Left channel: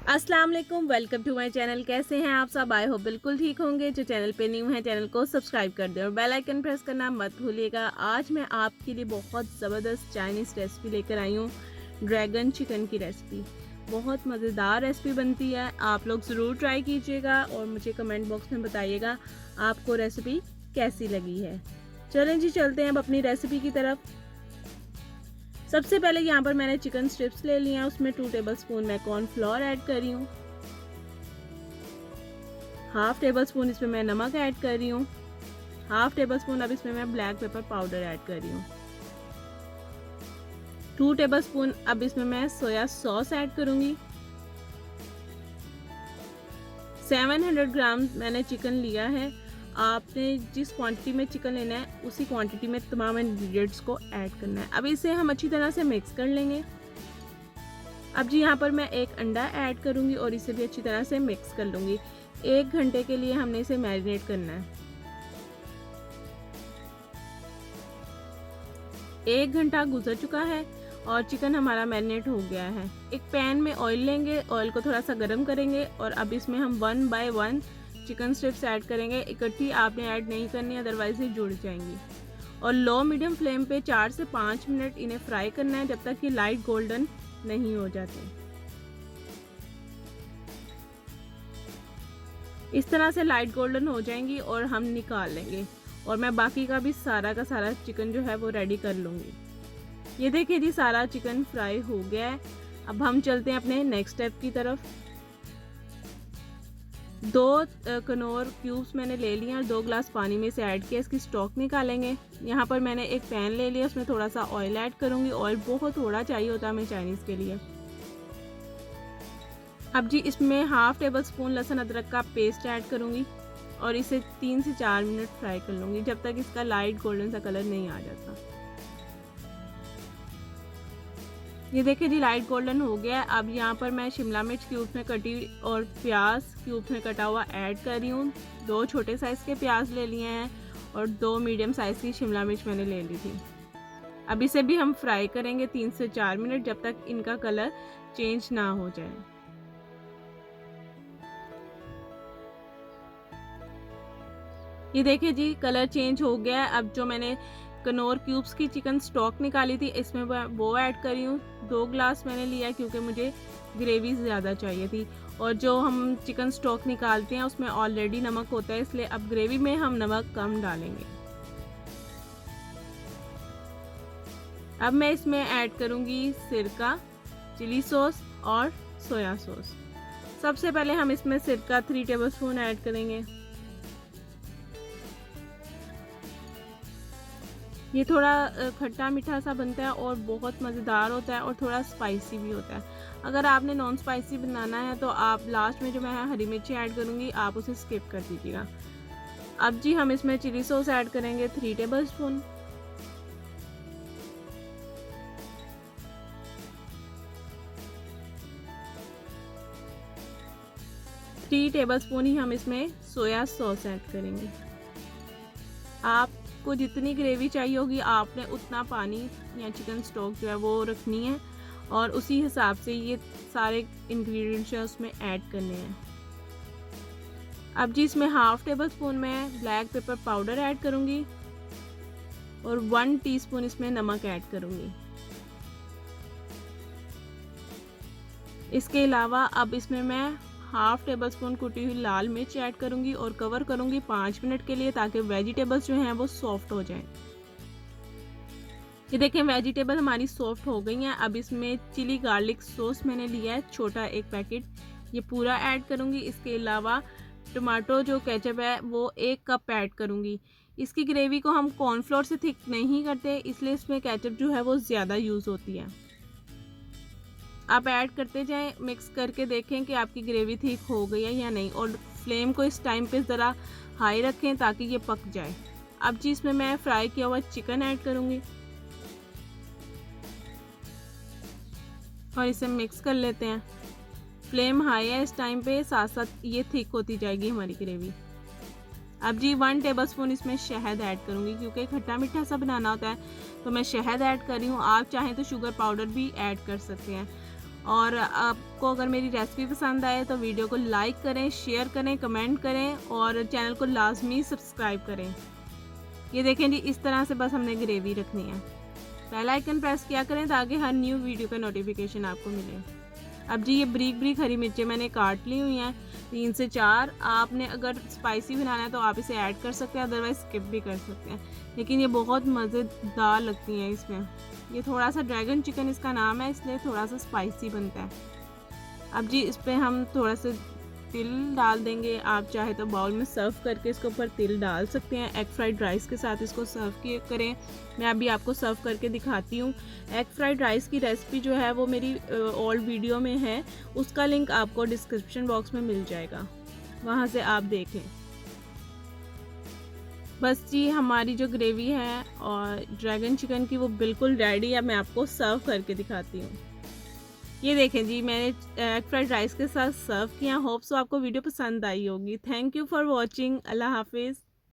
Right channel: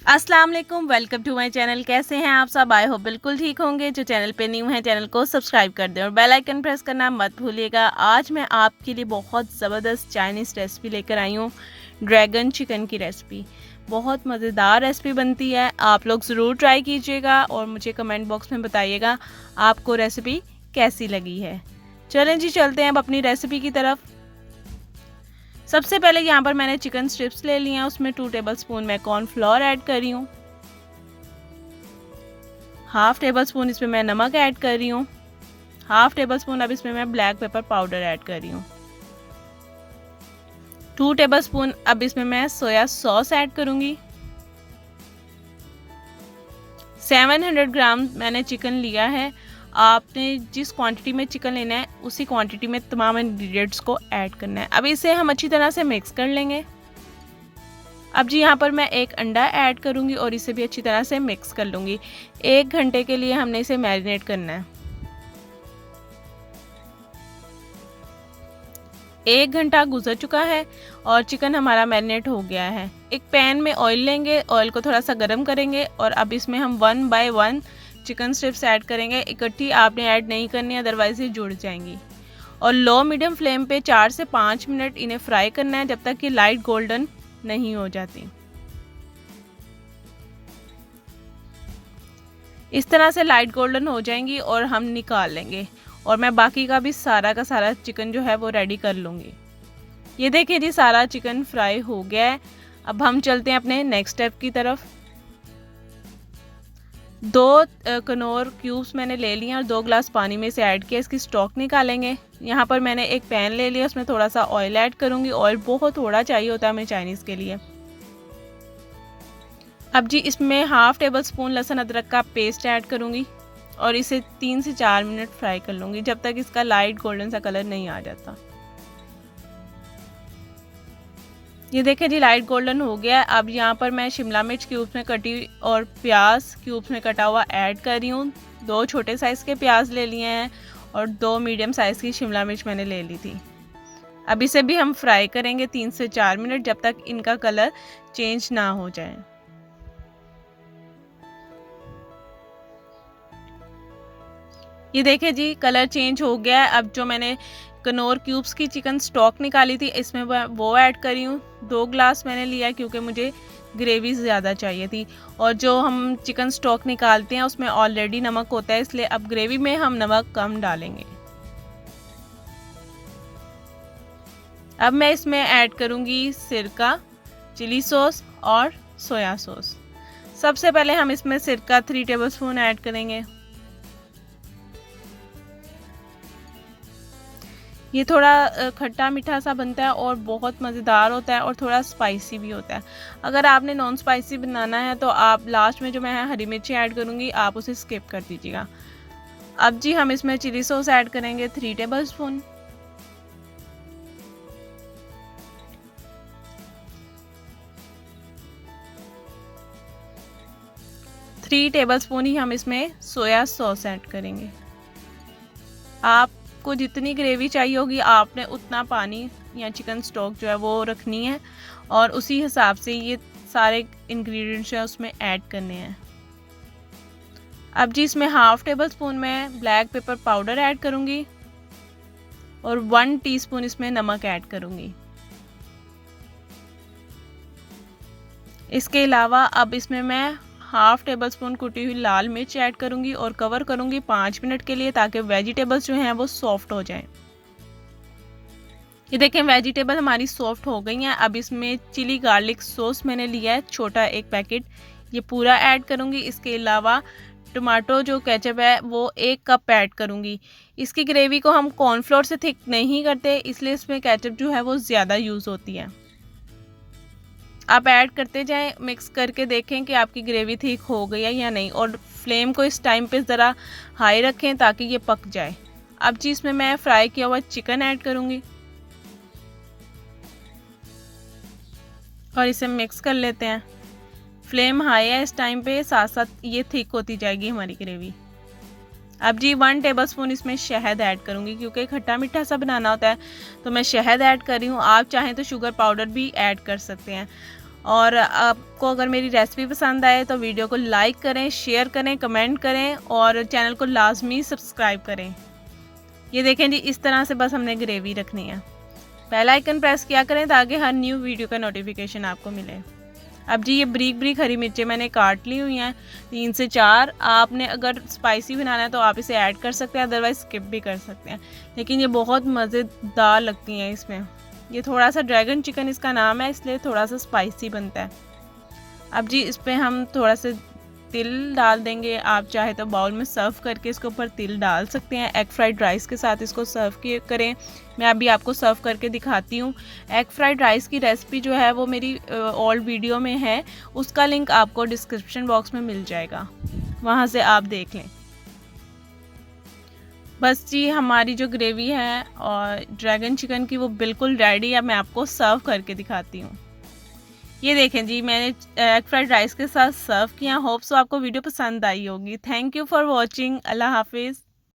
अस्सलाम वालेकुम, welcome to my channel. कैसे हैं आप सब? आई होप बिल्कुल ठीक होंगे। जो चैनल पे न्यू है चैनल को सब्सक्राइब कर दें और बेल आइकन प्रेस करना मत भूलिएगा। आज मैं आपके लिए बहुत ज़बरदस्त चाइनीज़ रेसिपी लेकर आई हूँ, ड्रैगन चिकन की रेसिपी। बहुत मज़ेदार रेसिपी बनती है, आप लोग ज़रूर ट्राई कीजिएगा और मुझे कमेंट बॉक्स में बताइएगा आपको रेसिपी कैसी लगी है। चलें जी, चलते हैं अब अपनी रेसिपी की तरफ। सबसे पहले यहाँ पर मैंने चिकन स्ट्रिप्स ले लिए हैं, उसमें 2 टेबलस्पून मैं कॉर्नफ्लोर ऐड कर रही हूँ। हाफ टेबल स्पून इसमें मैं नमक ऐड कर रही हूँ। हाफ टेबल स्पून अब इसमें मैं ब्लैक पेपर पाउडर ऐड कर रही हूँ। 2 टेबल स्पून अब इसमें मैं सोया सॉस ऐड करूँगी। 700 ग्राम मैंने चिकन लिया है। आपने जिस क्वांटिटी में चिकन लेना है उसी क्वांटिटी में तमाम इंग्रेडिएंट्स को ऐड करना है। अब इसे हम अच्छी तरह से मिक्स कर लेंगे। अब जी यहाँ पर मैं एक अंडा ऐड करूँगी और इसे भी अच्छी तरह से मिक्स कर लूँगी। 1 घंटे के लिए हमने इसे मैरिनेट करना है। 1 घंटा गुजर चुका है और चिकन हमारा मैरिनेट हो गया है। एक पैन में ऑयल लेंगे, ऑयल को थोड़ा सा गर्म करेंगे और अब इसमें हम 1 बाय 1 चिकन स्ट्रिप्स ऐड करेंगे। इकट्ठी आपने ऐड नहीं करनी, अदरवाइज ये जुड़ जाएंगी। और लो मीडियम फ्लेम पे 4 से 5 मिनट इन्हें फ्राई करना है, जब तक कि लाइट गोल्डन नहीं हो जाती। इस तरह से लाइट गोल्डन हो जाएंगी और हम निकाल लेंगे और मैं बाकी का भी सारा का सारा चिकन जो है वो रेडी कर लूँगी। ये देखिए जी, सारा चिकन फ्राई हो गया है। अब हम चलते हैं अपने नेक्स्ट स्टेप की तरफ। 2 कनौर क्यूब्स मैंने ले लिए और 2 ग्लास पानी में से ऐड किया। इसकी स्टॉक निकालेंगे। यहाँ पर मैंने एक पैन ले लिया, उसमें थोड़ा सा ऑयल ऐड करूँगी। ऑयल बहुत थोड़ा चाहिए होता है हमें चाइनीज़ के लिए। अब जी इसमें हाफ टेबल स्पून लहसुन अदरक का पेस्ट ऐड करूँगी और इसे 3 से 4 मिनट फ्राई कर लूँगी, जब तक इसका लाइट गोल्डन सा कलर नहीं आ जाता। ये देखिए जी, लाइट गोल्डन हो गया है। अब यहाँ पर मैं शिमला मिर्च क्यूब्स में कटी और प्याज क्यूब्स में कटा हुआ ऐड कर रही हूँ। 2 छोटे साइज़ के प्याज ले लिए हैं और 2 मीडियम साइज़ की शिमला मिर्च मैंने ले ली थी। अब इसे भी हम फ्राई करेंगे 3 से 4 मिनट, जब तक इनका कलर चेंज ना हो जाए। ये देखिए जी, कलर चेंज हो गया है। अब जो मैंने कनौर क्यूब्स की चिकन स्टॉक निकाली थी, इसमें वो ऐड करी हूँ। 2 ग्लास मैंने लिया क्योंकि मुझे ग्रेवी ज़्यादा चाहिए थी और जो हम चिकन स्टॉक निकालते हैं उसमें ऑलरेडी नमक होता है, इसलिए अब ग्रेवी में हम नमक कम डालेंगे। अब मैं इसमें ऐड करूँगी सिरका, चिली सॉस और सोया सॉस। सबसे पहले हम इसमें सिरका 3 टेबलस्पून ऐड करेंगे। ये थोड़ा खट्टा मीठा सा बनता है और बहुत मज़ेदार होता है और थोड़ा स्पाइसी भी होता है। अगर आपने नॉन स्पाइसी बनाना है तो आप लास्ट में जो मैं हरी मिर्ची ऐड करूँगी आप उसे स्किप कर दीजिएगा। अब जी हम इसमें चिली सॉस ऐड करेंगे 3 टेबलस्पून। थ्री टेबलस्पून ही हम इसमें सोया सॉस ऐड करेंगे। आपको जितनी ग्रेवी चाहिए होगी आपने उतना पानी या चिकन स्टॉक जो है वो रखनी है और उसी हिसाब से ये सारे इंग्रेडिएंट्स हैं उसमें ऐड करने हैं। अब जी इसमें हाफ टेबल स्पून में ब्लैक पेपर पाउडर ऐड करूँगी और 1 टीस्पून इसमें नमक ऐड करूँगी। इसके अलावा अब इसमें मैं हाफ टेबल स्पून कुटी हुई लाल मिर्च ऐड करूँगी और कवर करूँगी 5 मिनट के लिए, ताकि वेजिटेबल्स जो हैं वो सॉफ्ट हो जाएं। ये देखें, वेजिटेबल हमारी सॉफ्ट हो गई हैं। अब इसमें चिली गार्लिक सॉस मैंने लिया है छोटा 1 पैकेट, ये पूरा ऐड करूँगी। इसके अलावा टमाटो जो केचप है वो 1 कप ऐड करूँगी। इसकी ग्रेवी को हम कॉर्नफ्लोर से थिक नहीं करते, इसलिए इसमें केचप जो है वो ज़्यादा यूज़ होती है। आप ऐड करते जाएं, मिक्स करके देखें कि आपकी ग्रेवी ठीक हो गई है या नहीं और फ्लेम को इस टाइम पे ज़रा हाई रखें ताकि ये पक जाए। अब जी इसमें मैं फ्राई किया हुआ चिकन ऐड करूँगी और इसे मिक्स कर लेते हैं। फ्लेम हाई है इस टाइम पे, साथ साथ ये थिक होती जाएगी हमारी ग्रेवी। अब जी 1 टेबलस्पून इसमें शहद ऐड करूँगी, क्योंकि खट्टा मीठा सा बनाना होता है तो मैं शहद ऐड कर रही हूँ। आप चाहें तो शुगर पाउडर भी ऐड कर सकते हैं और आपको अगर मेरी रेसिपी पसंद आए तो वीडियो को लाइक करें, शेयर करें, कमेंट करें और चैनल को लाजमी सब्सक्राइब करें। ये देखें जी, इस तरह से बस हमने ग्रेवी रखनी है। बेल आइकन प्रेस किया करें ताकि हर न्यू वीडियो का नोटिफिकेशन आपको मिले। अब जी ये ब्रीक ब्रीक हरी मिर्चें मैंने काट ली हुई हैं 3 से 4। आपने अगर स्पाइसी बनाना है तो आप इसे ऐड कर सकते हैं, अदरवाइज स्किप भी कर सकते हैं, लेकिन ये बहुत मज़ेदार लगती हैं इसमें। ये थोड़ा सा ड्रैगन चिकन इसका नाम है, इसलिए थोड़ा सा स्पाइसी बनता है। अब जी इस पर हम थोड़ा सा तिल डाल देंगे। आप चाहे तो बाउल में सर्व करके इसके ऊपर तिल डाल सकते हैं। एग फ्राइड राइस के साथ इसको सर्व करें। मैं अभी आपको सर्व करके दिखाती हूँ। एग फ्राइड राइस की रेसिपी जो है वो मेरी ओल्ड वीडियो में है, उसका लिंक आपको डिस्क्रिप्शन बॉक्स में मिल जाएगा, वहाँ से आप देख लें। बस जी हमारी जो ग्रेवी है और ड्रैगन चिकन की वो बिल्कुल रेडी है। मैं आपको सर्व करके दिखाती हूँ। ये देखें जी, मैंने एग फ्राइड राइस के साथ सर्व किया। होप सो आपको वीडियो पसंद आई होगी। Thank you for watching. अल्लाह हाफिज़।